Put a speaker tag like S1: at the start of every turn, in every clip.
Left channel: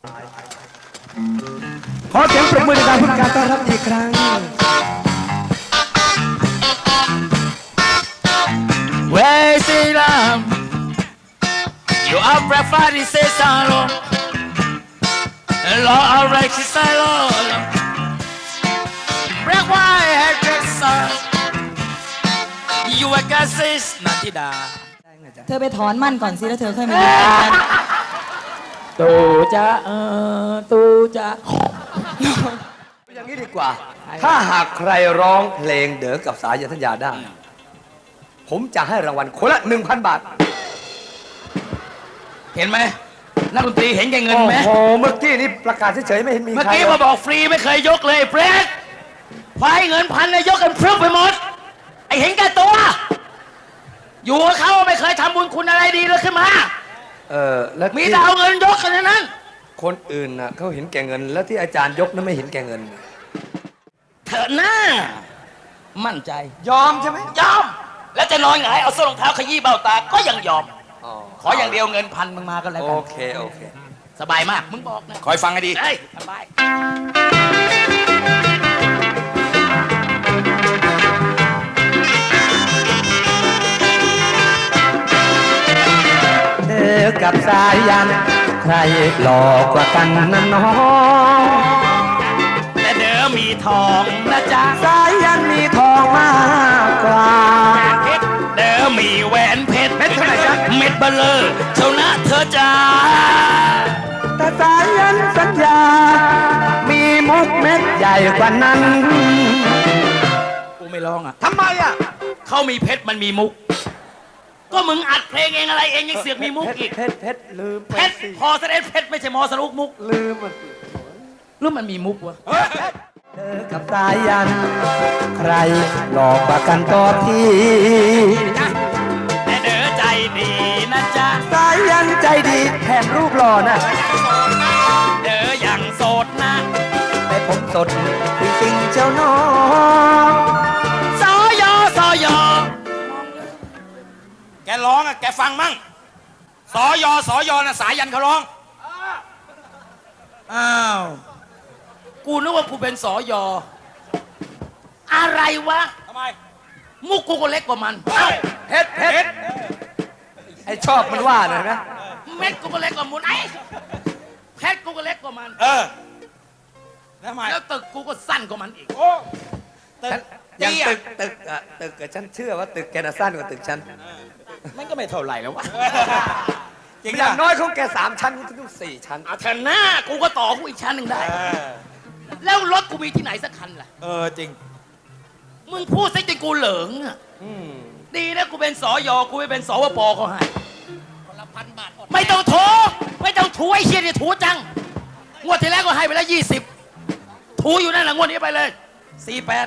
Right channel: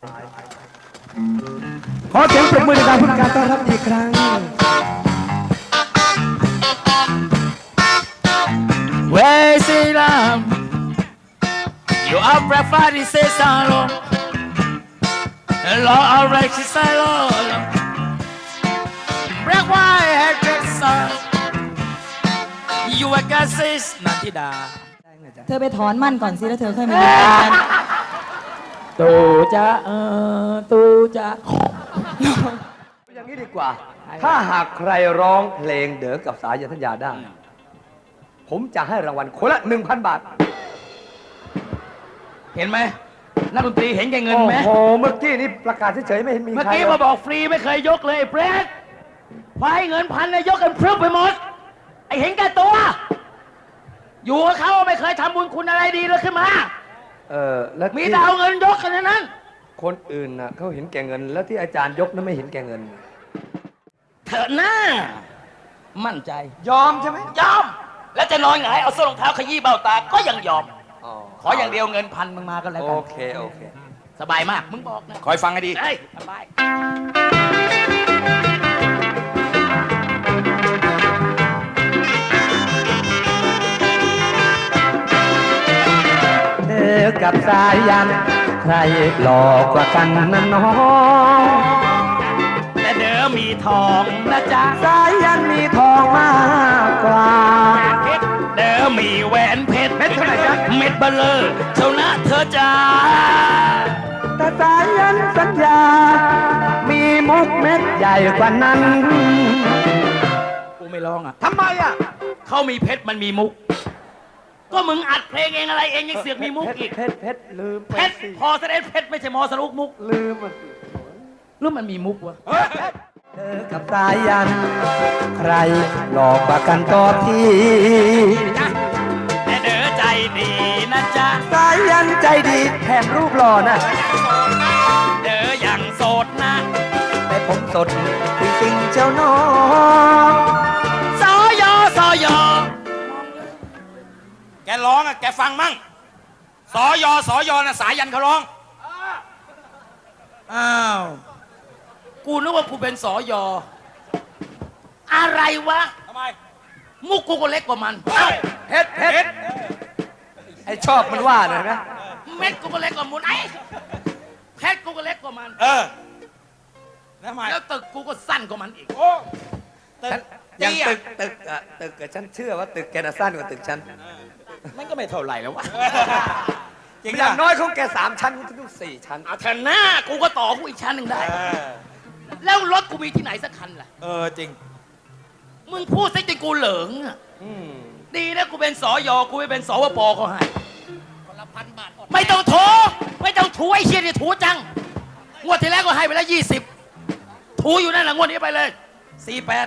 S1: ขอเสียงปรบมือในการพูดการต้อนรับอีกครั้ง
S2: Where is the lamb? You are breakfast is a salon. And Lord of righteous Lord. Break white head break sun. You are gases นันทิดา
S3: เธอไปถอนมั่นก่อนสิแล้วเธอค่อยมาอยู่กัน
S2: ตูจะตูจะ
S4: อย่างนี้ดีกว่า ถ้าหากใครร้องเพลงเด๋อกับสายันธัญญาได้ ผมจะให้รางวัลคนละ 1,000 บาท
S2: เห็นไหมนักดนตรีเห็นแก่เงิน
S4: โอ้
S2: ไหม
S4: โห เมื่อกี้นี่ประกาศเฉยๆไม่เห็นมี
S2: เมื่อ
S4: ใคร
S2: กี้มาบอกฟรีไม่เคยยกเลยเฟรดไฟเงินพันเลยยกกันพรึบไปหมด ไอเห็นแก่ตัว อยู่กับเขาไม่เคยทำบุญคุณอะไรดีเลยขึ้นมา
S4: แล้ว
S2: มี
S4: ที่
S2: แต่เอาเงินยกกันนั้น
S4: คนอื่นน่ะเขาเห็นแก่เงิน แล้วที่อาจารย์ยกนั้นไม่เห็นแก่เงิน
S2: เถอะหน้า มั่นใจ
S4: ยอมใช่ไหม
S2: ยอม แล้วจะนอนหงายเอาส้นรองเท้าขยี้เบ้าตา ก็ยังยอม
S4: อ๋อ
S2: ขออย่างเดียวเงินพันมึงมากันแล้ว
S4: โอ
S2: กัน
S4: เค โอเค
S2: สบายมาก มึงบอกนะ คอยฟังให้ดี เฮ้ย สบาย
S4: เด๋อกับสายัน ใครหลอกกว่ากันนะน้อง
S2: แต่เดี๋ยวมีทองนะจ๊ะ
S4: สายันมีทองมากกว่า
S2: เดี๋ยวมีแหวนเพชรเม็ดเท่าไหร่จ๊ะเม็ดเบลเลอร์เท่านะเธอจ้า
S4: แต่สายันสัญญา มีมุกเม็ดใหญ่กว่านั้น
S2: กูไม่ร้องอ่ะ
S4: ทำไมอ่ะ
S2: เขามีเพชรมันมีมุก ก็มึงอัดเพลงเองอะไรเองยังเสือกมีมุกอีก
S4: เพชรลืม
S2: เพชรพอแสดงเพชรไม่ใช่มอสนุกมุก
S4: ลืมอ่ะ
S2: หรือมันมีมุกวะ
S4: เธอกับสายัน ใครหลอกกว่ากันก็ที
S2: แต่เด้อใจดีนะจ๊ะ
S4: สายันใจดีแถมรูปหล่อนะ
S2: เด้อยังโสดนะ
S4: แต่ผมสดจริงๆเจ้าน้อง
S2: สอยอสอยอแกร้องอ่ะแกฟังมั่งสอยอสอยอนะสายันเขาร้อง อ้าว กูนึกว่ากูเป็นสอยอ อะไรวะ
S4: ทำไม
S2: มุกกูก็เล็กกว่ามัน
S4: เพชรไอชอบมันว่านะ
S2: เม็ดกูก็เล็กกว่ามุนไอ้เพชรกูก็เล็กกว่ามัน
S4: ทำไม
S2: แล้วตึกกูก็สั้นกว่ามันอีก
S4: ยังตึกกับฉันเชื่อว่าตึกแกน่ะสั้นกว่าตึกฉัน
S2: มันก็ไม่เท่าไหร่แล้ววะ
S4: อย่างน้อยของแก3 ชั้นคุณต้อง4 ชั้น
S2: เอาชนะกูก็ต่อกูอีกชั้นหนึ่งได้ แล้วรถกูมีที่ไหนสักคันล่ะ
S4: จริง
S2: มึงพูดซะจนกูเหลิงอะดีนะกูเป็นสอยอกูไม่เป็นสวปก็ให้ไม่ต้องโถไม่ต้องถูไอ้เชี่ยเนี่ยถูจัง งวดที่แล้วก็ให้ไปแล้ว20 ถูอยู่นั่นแหละงวดนี้ไปเลย 48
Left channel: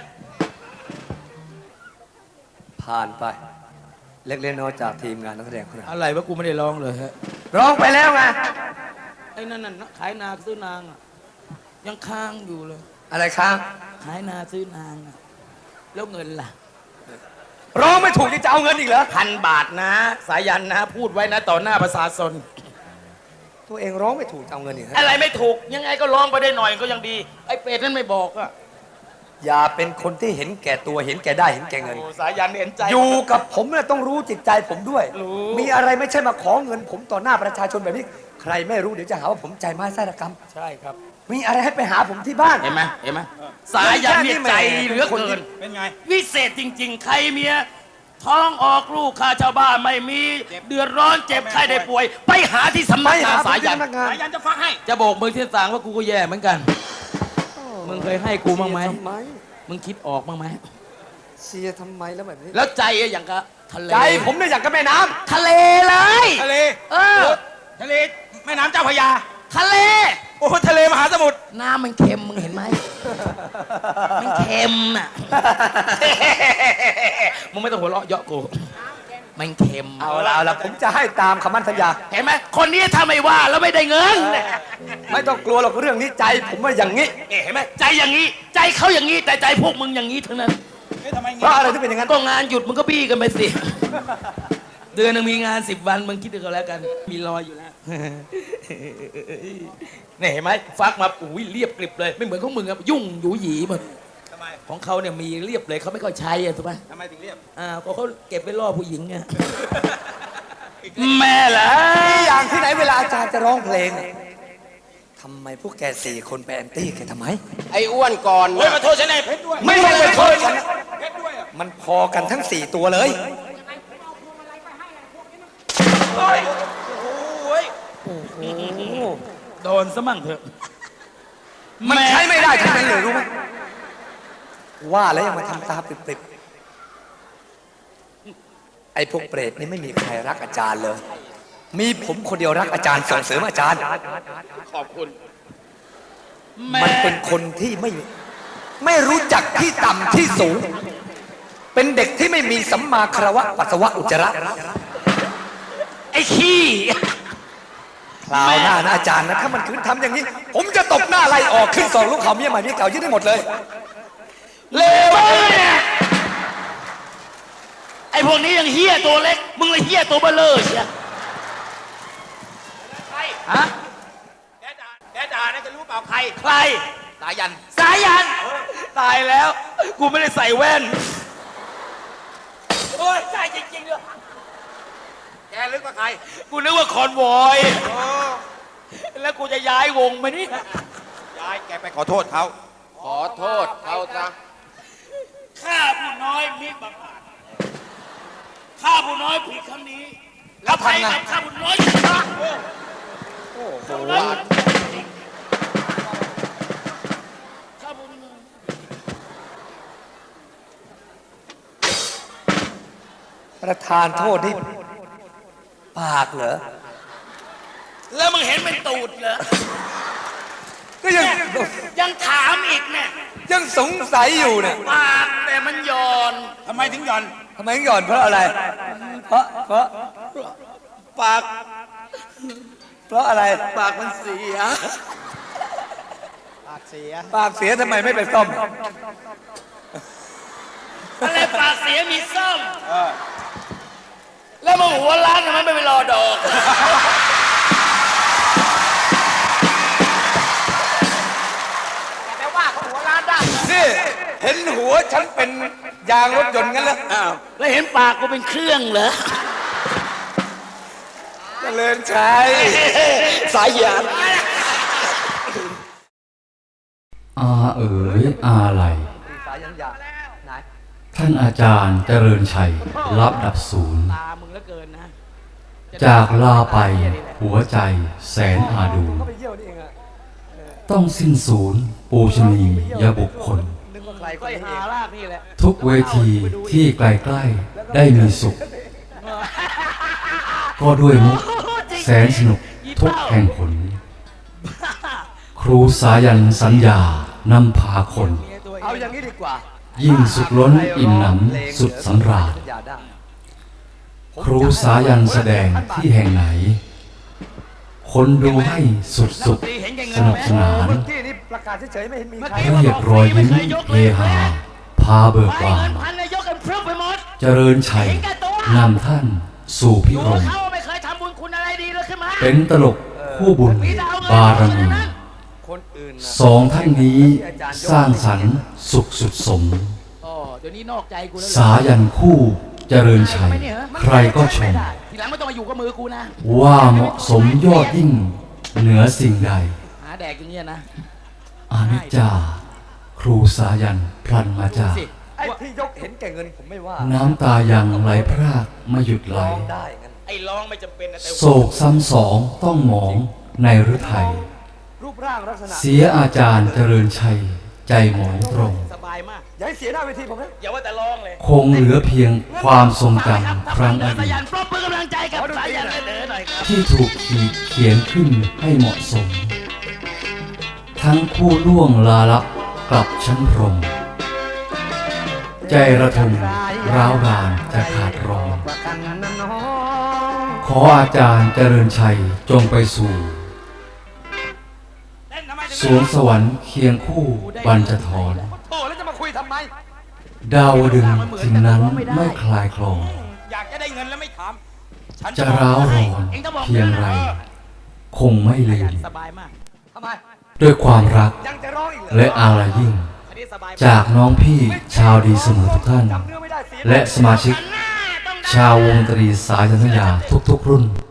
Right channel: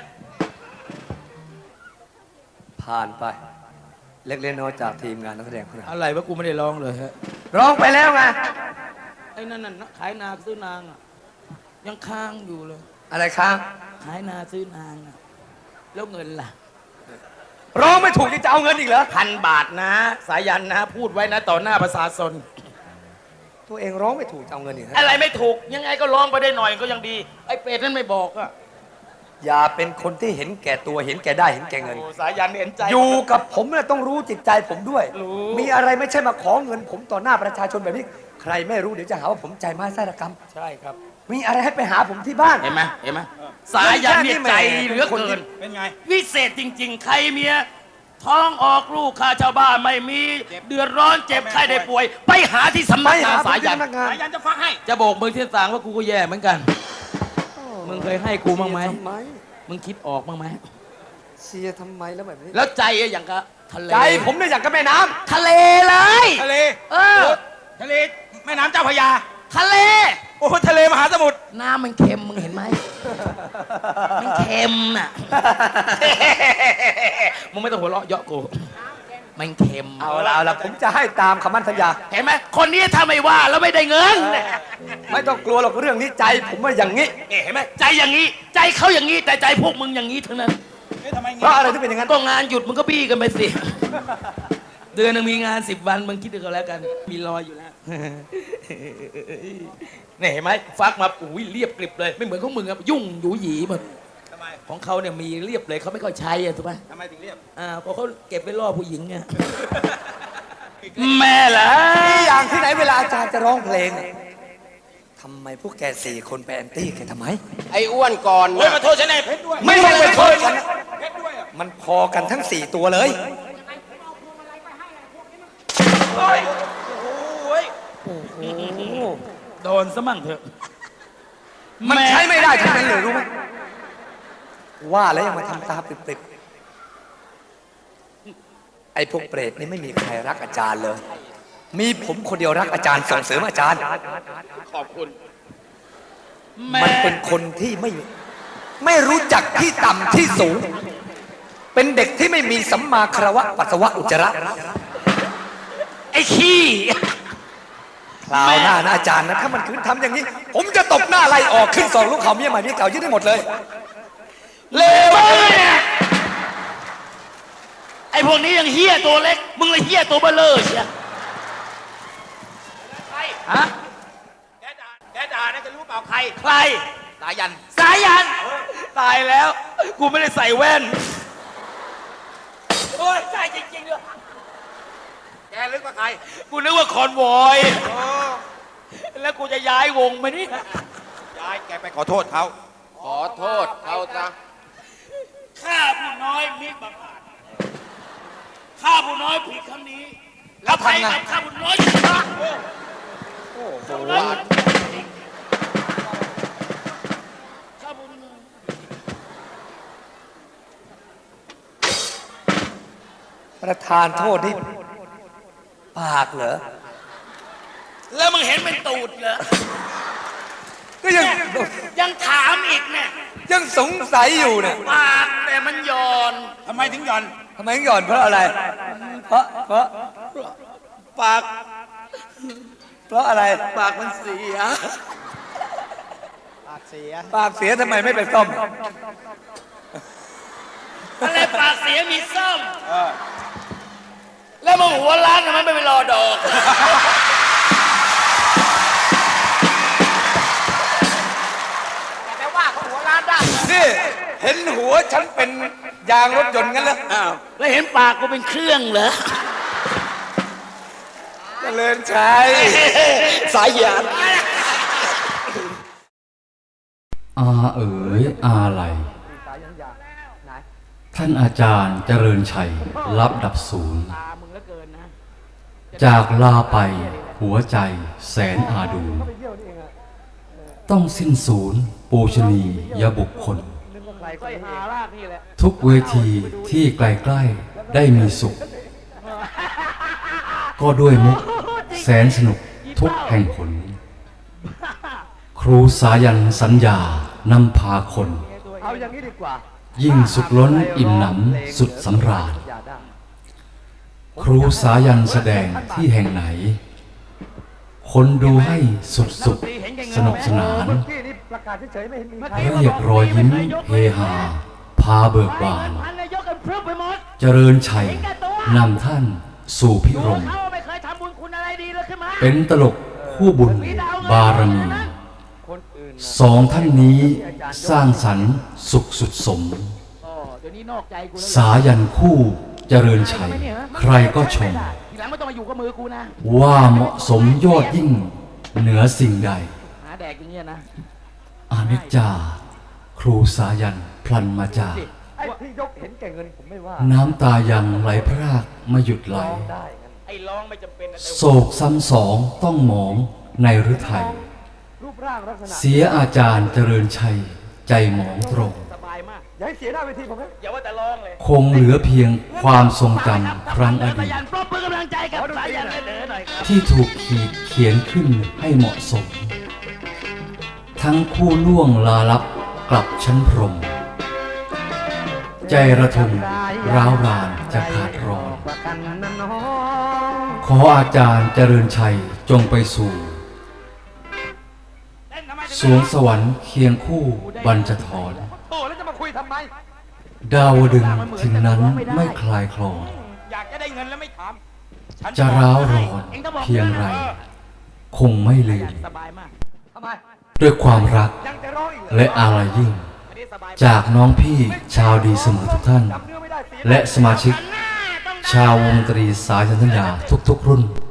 S4: ผ่านไป เล็กๆน้อยๆจากทีมงานนักแสดงคนนั้น
S2: อะไรวะกูไม่ได้ร้องเลยฮะ
S4: ร้องไปแล้วไง
S2: ไอ้นั่นน่ะขายนาซื้อนางอะยังค้างอยู่เลย
S4: อะไรค้าง
S2: ขายนาซื้อนางอะแล้วเงินล่ะ
S4: ร้องไม่ถูกนี่จะเอาเงินอีกเหรอ
S2: 1,000 บาทนะ สายันนะ พูดไว้นะต่อหน้าประชาชน
S4: ตัวเองร้องไม่ถูกจะเอาเงินอีกเหรอ
S2: อะไรไม่ถูกยังไงก็ร้องไปได้หน่อยก็ยังดี ไอ้เปรตนั่นไม่บอกอะ
S4: อย่าเป็นคนที่เห็นแก่ตัวเห็นแก่ได้เห็นแก่เงิน
S2: โอ้สายันเห็นใจ
S4: อยู่กับผมเนี่ยต้องรู้จิตใจผมด้วย
S2: รู้
S4: มีอะไรไม่ใช่มาขอเงิน ผมต่อหน้าประชาชนแบบนี้ ใครไม่รู้เดี๋ยวจะหาว่าผมใจไม้ไส้ระกรรม
S2: ใช่ครับ
S4: มีอะไรให้ไปหาผมที่บ้าน
S2: เห็นไหมเห็นไหมสายันนี่ใจเหลือคนอื่น
S4: เป็นไง
S2: วิเศษจริง ๆ ใครเมียท้องออกลูกข้าชาวบ้านไม่มีเดือดร้อนเจ็บไข้ได้ป่วย ไปหาที่สำนักงานสายัน
S4: งาน
S2: สายันจะฟังให้ จะโบกมือที่ต่างว่ากูก็แย่เหมือนกัน มึงเคยให้กูบ้างไหม
S4: ทำไม
S2: มึงคิดออกบ้างไหม
S4: เชียร์ทำไมแล้วแบบนี้
S2: แล้วใจอะอย่างกับทะเล
S4: ใจผมเนี่ยอยากกับแม่น้ำ
S2: ทะเลเลย
S4: ทะเล
S2: เออ
S4: ทะเลแม่น้ำเจ้าพระยา
S2: ทะเล
S4: โอ้ทะเลมหาสมุทร
S2: น้ำมันเค็มมึงเห็นไหม มันเค็มน่ะ มึงไม่ต้องหัวเราะเยาะกู มันเค็ม
S4: เอาละผมจะให้ตามคำมั่นสัญญา
S2: เห็นไหม คนนี้ถ้าไม่ว่าแล้วไม่ได้เงิน
S4: ไม่ต้องกลัวหรอกเรื่องนี้ใจผมว่าอย่างนี้
S2: นี่เห็นไหม ใจอย่างนี้ ใจเขาอย่างนี้ แต่ใจพวกมึงอย่างนี้ทั้งนั้น
S4: เพราะอะไรที่เป็นอย่างนั้น
S2: ก็งานหยุดมึงก็บี้กันไปสิ เดือนหนึงมีงาน10 วันมึงคิดดูกันแล้วกัน มีรอยอยู่แล้วเนี่ยเห็นไหมฟักมาอุ้ยเรียบกริบเลย ไม่เหมือนของมึงอะยุ่งหยูหยีหมดของเขาเนี่ยมีเรียบเลยเขาไม่ค่อยใช้อะถูกไหมทำไมถึงเรียบเพราะเขาเก็บไว้ล่อผู้หญิงเนี่ย
S4: แม่เหรออย่างที่ไหนเวลาอาจารย์จะร้องเพลงทำไมพวกแกสี่คนไปแอนตี้กันทำไม
S5: ไอ้อ้วนก่อนนะมาโทษฉันไอ้เพชรด้วย
S4: ไม่ต้องไปโทษฉันนะมันพอกันทั้งสี่ตัวเลย
S2: โดนซะมั่งเถอะ
S4: มันใช้ไม่ได้ทั้งนั้นเลยรู้ไหมว่าแล้วยังมาทำตาปริบๆไอ้พวกเปรตนี่ไม่มีใครรักอาจารย์เลย มีผมคนเดียวรักอาจารย์ส่งเสริมอาจารย์
S5: ขอบคุณ
S4: มันเป็นคนที่ไม่รู้จักที่ต่ำที่สูง เป็นเด็กที่ไม่มีสัมมาคารวะปัสสาวะอุจจาระ
S2: ไอ้ขี้
S4: คราวหน้านะอาจารย์นะถ้ามันคืนทำอย่างนี้ ผมจะตบหน้าไล่ออกขึ้นสองลูกเขาเมียใหม่เมียเก่ายึดได้หมดเลยเลว
S2: ไอ้พวกนี้ยังเฮี้ยตัวเล็ก มึงเลยเฮี้ยตัวเบลอเชียฮะ
S5: แกด่านะจะรู้เปล่าใคร
S2: ใคร
S5: สายัน
S2: สายัน ตายแล้ว กูไม่ได้ใส่แว่น
S5: โอ้ยใช่จริงๆด้วยแกลึกว่าใคร
S2: กูนึกว่าคอนวอย แล้วกูจะย้ายวงไหมนี่
S5: ย้ายแกไปขอโทษเขา ขอโทษเขาซะ
S2: ข้าผู้น้อยมิบังอาจข้าผู้น้อยผิดครั้งนี้ แล้วไปกับข้าผู้น้อยผิดครั้ง
S4: โอ้โห
S2: ข้าผู้น้อย
S4: ประธานโทษนี่ปากเหรอ
S2: แล้วมึงเห็นเป็นตูดเหรอ
S4: ก็ยัง
S2: ยังถามอีกเนี่ย
S4: ยังสงสัยอยู่เนี่ย
S2: ปากแต่มันหย่อน
S5: ทำไมถึงหย่อน
S4: ทำไมหย่อนเพราะอะไร เพราะ
S2: ปาก
S4: เพราะอะไร
S2: ปากมันเสีย ปากเสีย
S4: ปากเสียทำไมไม่ไปซ่อม
S2: อะไรปากเสียมีซ่อมแล้วมึงหัวล้านทำไมไม่ไปรอดอก
S5: แต่ว่าเขาหัวล้านได้
S4: นี่เห็นหัวฉันเป็นยางรถยนต์งั้นเหรอ
S2: อ้าวแล้วเห็นปากกูเป็นเครื่องเหรอ
S4: เจริญชัยสายหยาด
S6: อาเอ๋ยอาไหล
S4: สายหยาดไหน
S6: ท่านอาจารย์เจริญชัยรับดับศูนย์
S2: ตามึงแล้วเกินนะ
S6: จากลาไปหัวใจแสนอาดู
S4: ไปเยี่ยวนี่เองอะ
S6: ต้องสิ้นศูนย์ปูชนียบุคคล
S4: นึกว่าใครค
S2: ก็
S4: นนี้
S2: หา
S4: เอง
S2: ลากนี่แหละ
S6: ทุกเวทีที่ใกล้ๆได้มีสุข ก็ด้วยมุกแสนสนุกทุกแห่งผล ครูสายันสัญญานำพาคน
S4: เอาอย่างนี้ดีกว่า
S6: ยิ่งสุดล้นอิ่มหนำสุดสำราญ
S4: อย่าได้
S6: ครูสายันแสดงที่แห่งไหน คนดูให้สุดๆสนุกสนาน
S4: เมื่อกี้นี่ประกาศเฉยๆไม่เห็นมีใคร
S6: เรียกรอยยิ้มเฮฮาพาเบิกบาน
S2: พันนายกกันพรึบไปหมด
S6: เจริญชัยนำท่านสู่พิรม
S2: เขาไม่เคยทำบุญคุณอะไรดีเลยขึ้นมา
S6: เป็นตลกคู่บุญบารมี
S4: คนอื่น
S6: สองท่านนี้สร้างสรรค์สุขสุดสม
S2: อ๋อเดี๋ยวนี้นอกใจกูแล้ว
S6: สายันคู่เจริญชัย ใครก็ชม
S2: ทีหลังไม่ต้องมาอยู่กับมือกูนะ
S6: ว่าเหมาะสมยอดยิ่งเหนือสิ่งใด
S2: หาแดกอย่างเงี้ยนะ
S6: อนิจจา ครูสายันพลันมาจาก
S4: ไอ้ที่ยกเห็นแก่เงินผมไม่ว่า
S6: น้ำตายังไหลพรากไม่หยุดไหล
S4: ร้องได้งั้น
S5: ไอ้ร้องไม่จำเป็นนะแต่
S6: โศกซ้ำสองต้องหมองในฤทัย
S4: รูปร่างลักษณะ
S6: เสียอาจารย์เจริญชัยใจหมองตรง
S2: สบายมาก
S4: อย่าให้เสียหน้าเวทีผมนะ
S5: อย่าว่าแต่ร้องเลย
S6: คงเหลือเพียงความทรงจำครั้งอ
S2: สา
S6: ดีต
S2: ยันปรบมือกำลังใจกับสายันเด้อหน่อยครับ
S6: ที่ถูกเขียนขึ้นให้เหมาะสม ทั้งคู่ล่วงลาลับกลับชั้นพรหมใจระทมร้าวรานจะขาดร้อน ขออาจารย์เจริญชัยจงไปสู่ สวงสวรรค์เคียงคู่บรรจทร
S4: โอ้แล้วจะมาคุยทำไม
S6: ดาวดึงถึงนั้นไม่คลายคลอง
S5: อยากจะได้เงินแล้วไม่ถามฉัน
S6: จะร้าวรอนเพียงไรคงไม่ลืม
S2: สบายมากทำไม
S6: ด้วยความรักและอาลัยยิ่ง จากน้องพี่ชาวดีเสมอทุกท่าน และสมาชิก ชาววงดนตรีสายสัญญาทุกๆรุ่น